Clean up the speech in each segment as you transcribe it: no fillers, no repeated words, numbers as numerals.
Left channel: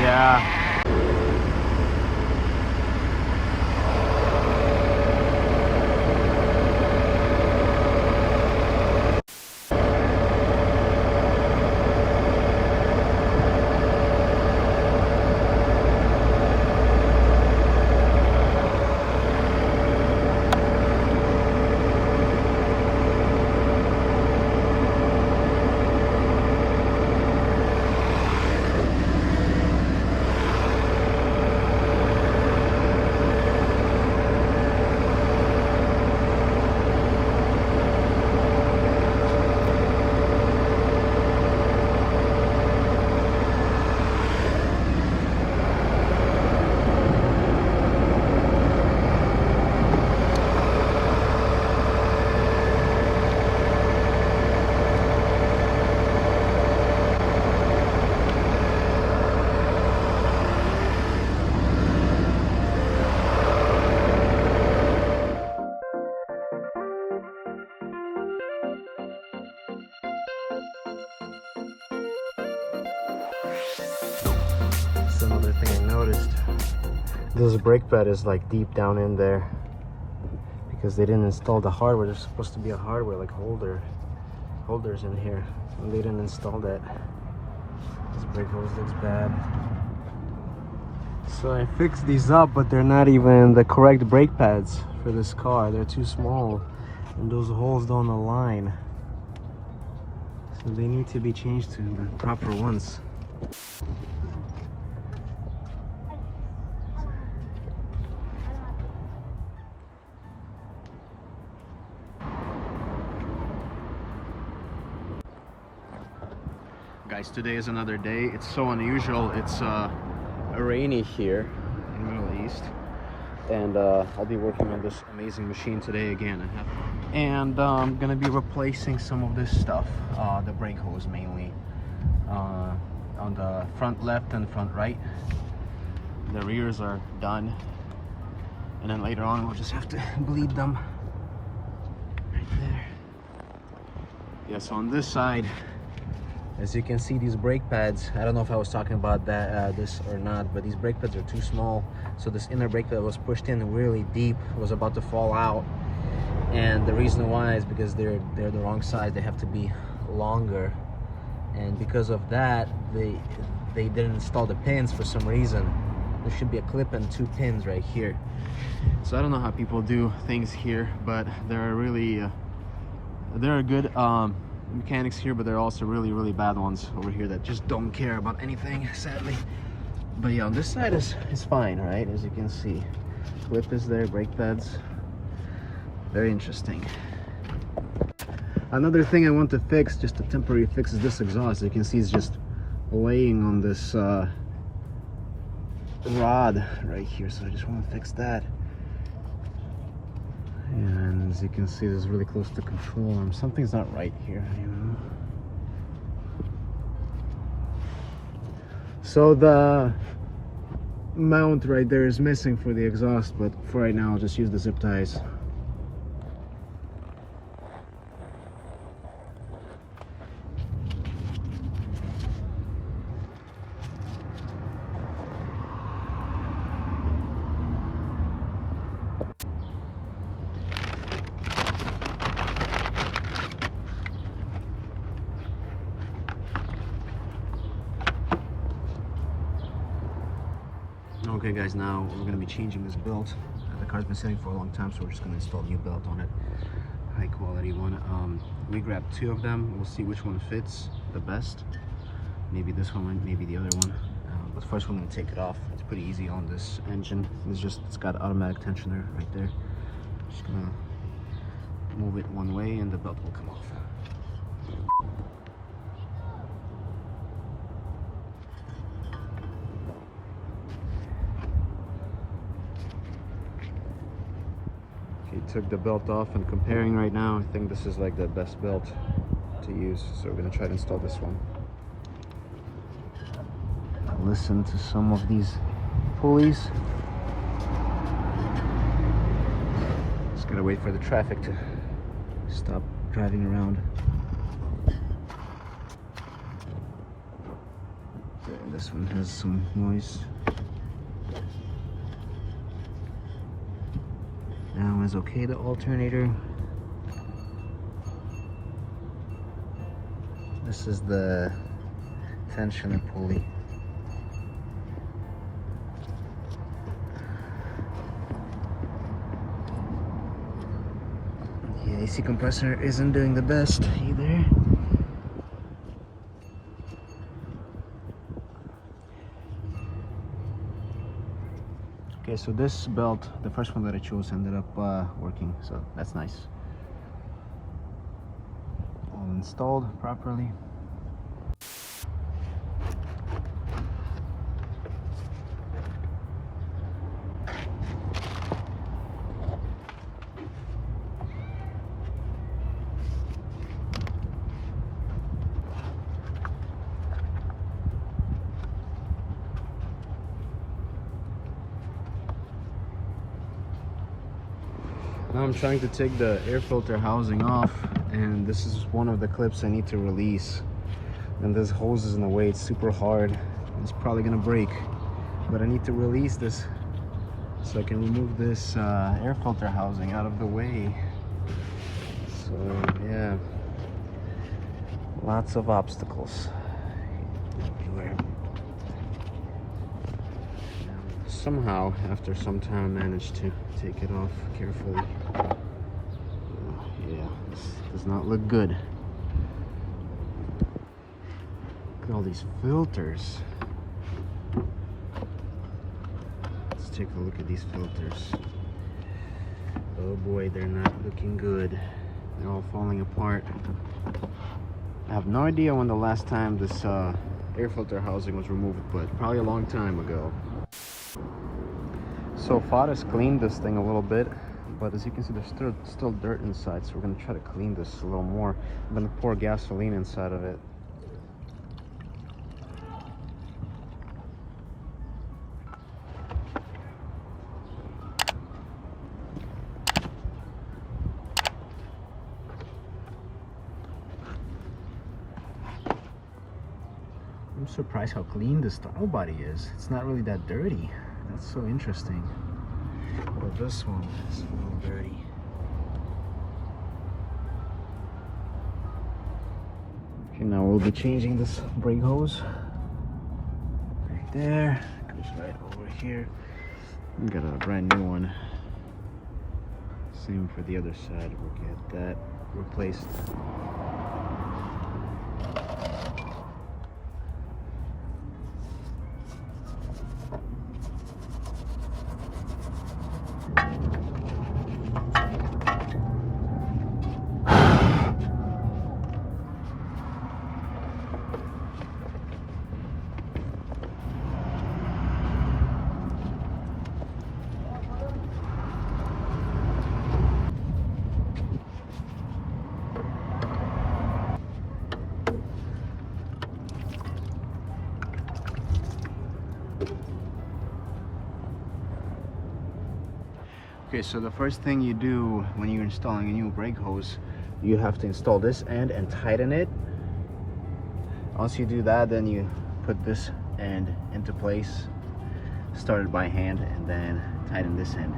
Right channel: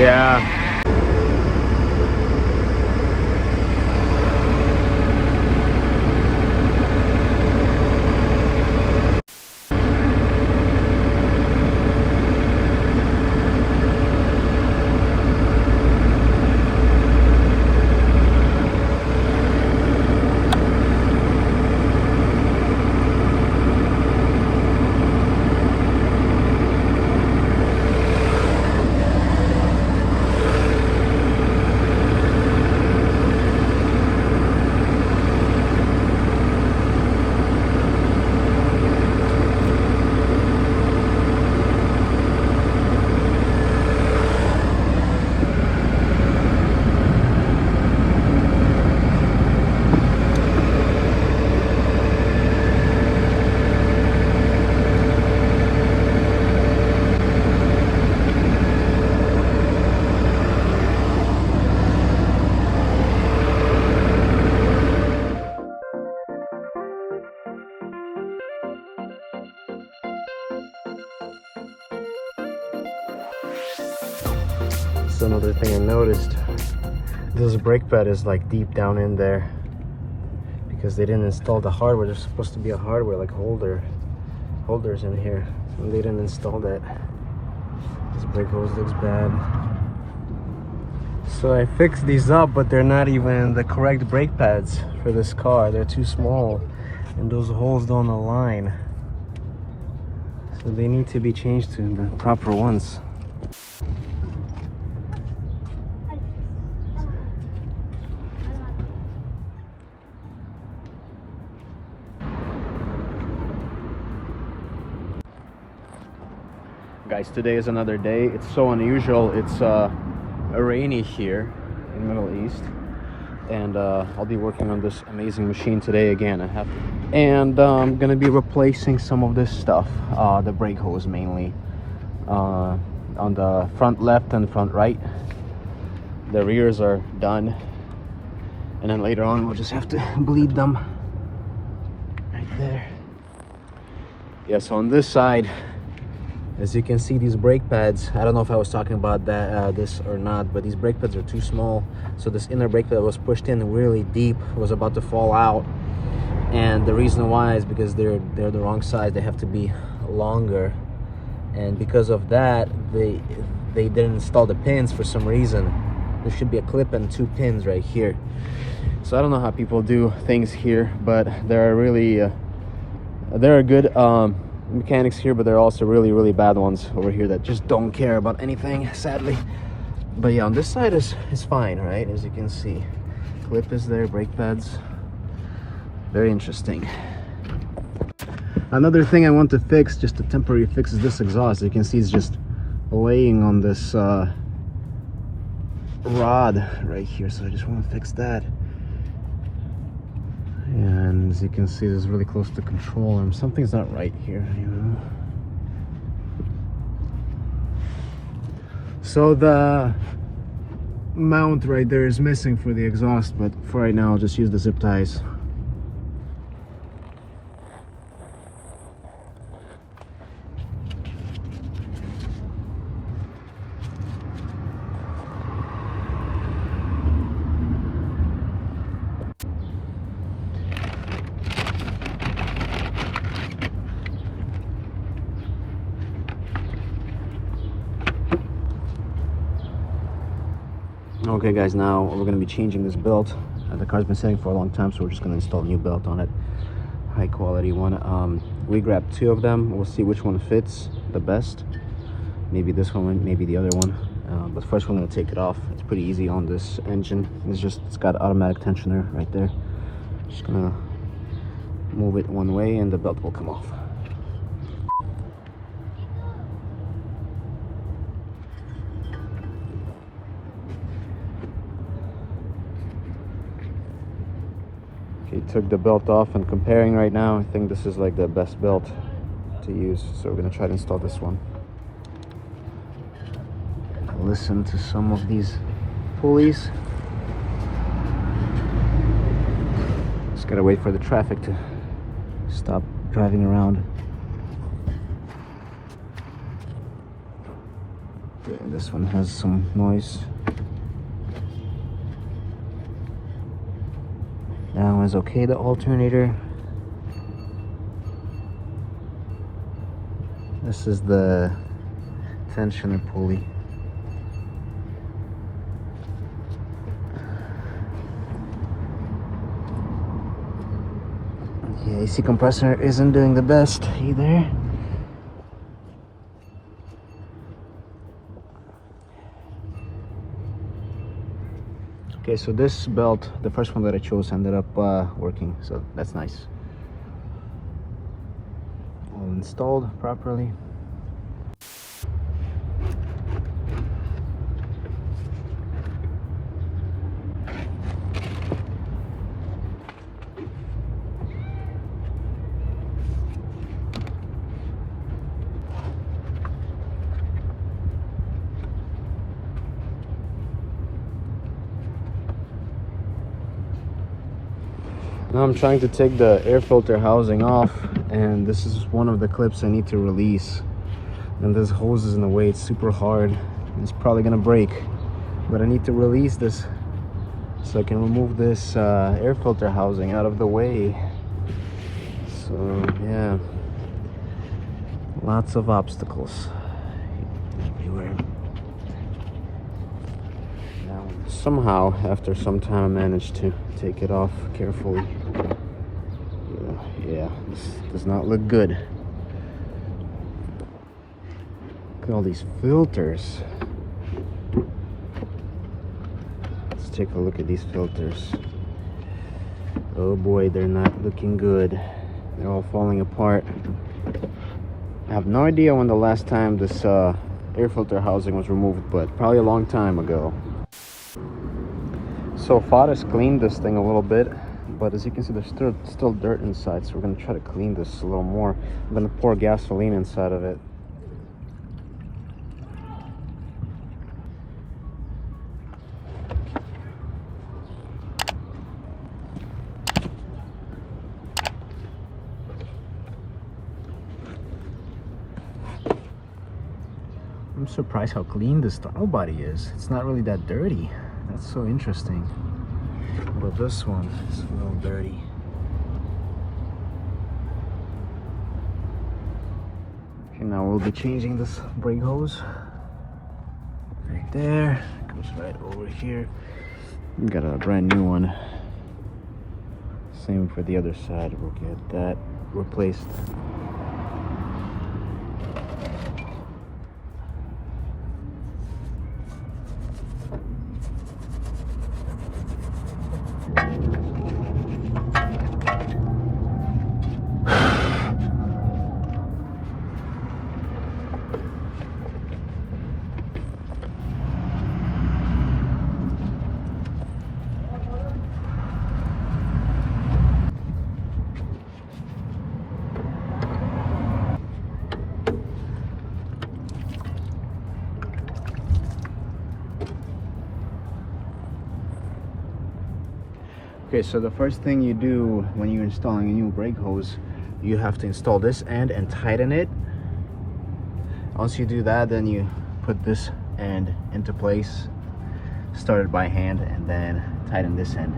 Yeah. So another thing I noticed, this brake pad is like deep down in there because they didn't install the hardware. There's supposed to be a hardware like holders in here, and they didn't install that. This brake hose looks bad. So I fixed these up, but they're not even the correct brake pads for this car. They're too small and those holes don't align. So they need to be changed to the proper ones. Guys, today is another day. It's so unusual. It's rainy here in Middle East, and I'll be working on this amazing machine today again. I'm gonna be replacing some of this stuff, the brake hose mainly, on the front left and front right. The rears are done, and then later on we'll just have to bleed them right there. Yeah, so on this side, as you can see, these brake pads, I don't know if I was talking about that this or not, but these brake pads are too small. So this inner brake pad was pushed in really deep, was about to fall out. And the reason why is because they're the wrong size. They have to be longer. And because of that, they didn't install the pins for some reason. There should be a clip and 2 pins right here. So I don't know how people do things here, but there are really, there are good mechanics here, but there are also really bad ones over here that just don't care about anything, sadly. But yeah, on this side is fine, right? As you can see, clip is there, brake pads, very interesting. Another thing I want to fix, just a temporary fix, is this exhaust. You can see it's just laying on this rod right here, so I just want to fix that. And as you can see, this is really close to the control arm. Something's not right here, you know. So the mount right there is missing for the exhaust, but for right now I'll just use the zip ties. Okay guys, now we're going to be changing this belt. The car's been sitting for a long time, so we're just going to install a new belt on it. High quality one. We grabbed 2 of them. We'll see which one fits the best. Maybe this one, maybe the other one. But first we're going to take it off. It's pretty easy on this engine. It's got automatic tensioner right there. Just going to move it one way and the belt will come off. Okay, took the belt off, and comparing right now, I think this is like the best belt to use. So we're gonna try to install this one. Listen to some of these pulleys. Just gotta wait for the traffic to stop driving around. Okay, this one has some noise. That one's okay, the alternator. This is the tension pulley. The AC compressor isn't doing the best either. Okay, so this belt, the first one that I chose, ended up working, so that's nice. All installed properly. Now I'm trying to take the air filter housing off, and this is one of the clips I need to release. And this hose is in the way, it's super hard. It's probably gonna break, but I need to release this so I can remove this air filter housing out of the way. So yeah, lots of obstacles everywhere. Somehow, after some time, I managed to take it off carefully. Yeah, this does not look good. Look at all these filters. Let's take a look at these filters. Oh boy, they're not looking good. They're all falling apart. I have no idea when the last time this air filter housing was removed, but probably a long time ago. So Fares cleaned this thing a little bit, but as you can see, there's still dirt inside, so we're going to try to clean this a little more. I'm going to pour gasoline inside of it. I'm surprised how clean this throttle body is. It's not really that dirty. That's so interesting. But this one is a little dirty. Okay, now we'll be changing this brake hose. Right there. Goes right over here. We got a brand new one. Same for the other side. We'll get that replaced. Okay, so the first thing you do when you're installing a new brake hose, you have to install this end and tighten it. Once you do that, then you put this end into place, start it by hand, and then tighten this end.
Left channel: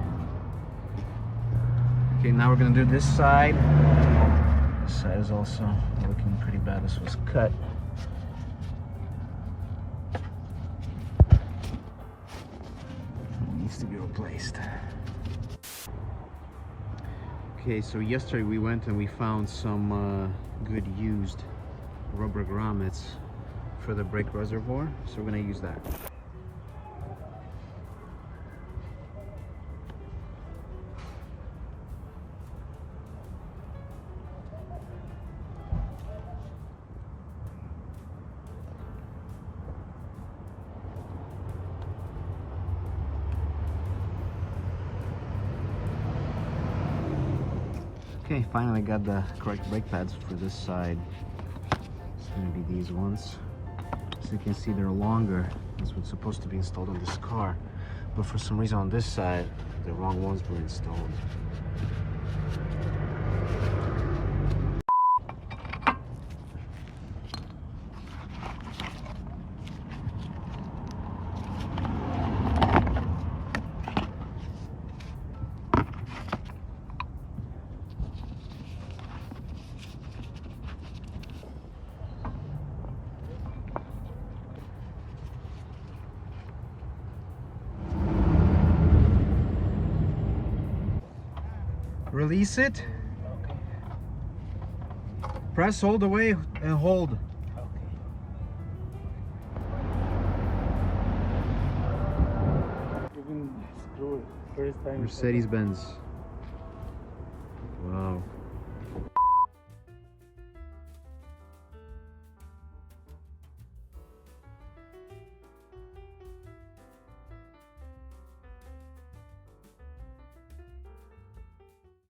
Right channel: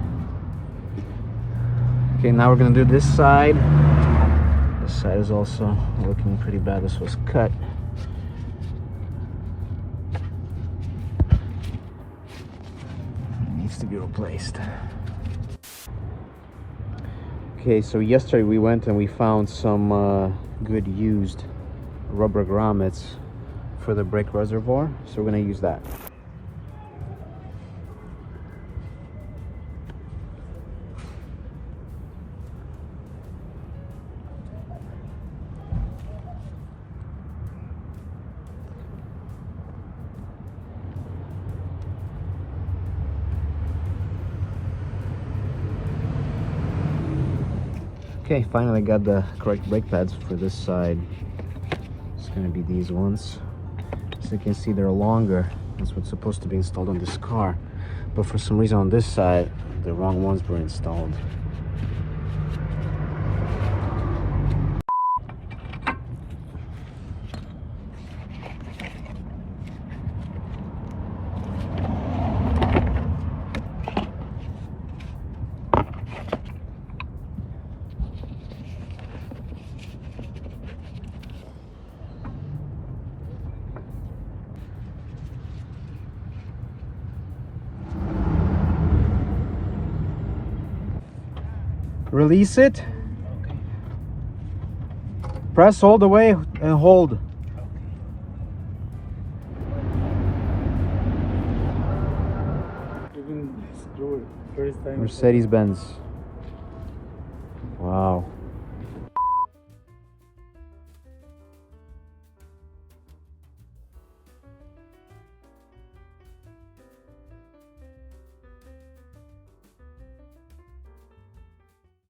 Okay, now we're gonna do this side. This side is also looking pretty bad. This was cut. It needs to be replaced. Okay, so yesterday we went and we found some good used rubber grommets for the brake reservoir, so we're going to use that. Okay, finally got the correct brake pads for this side. It's gonna be these ones. As you can see, they're longer. That's what's supposed to be installed on this car. But for some reason on this side, the wrong ones were installed. Release it. Press all the way and hold. Even screw first time. Mercedes-Benz.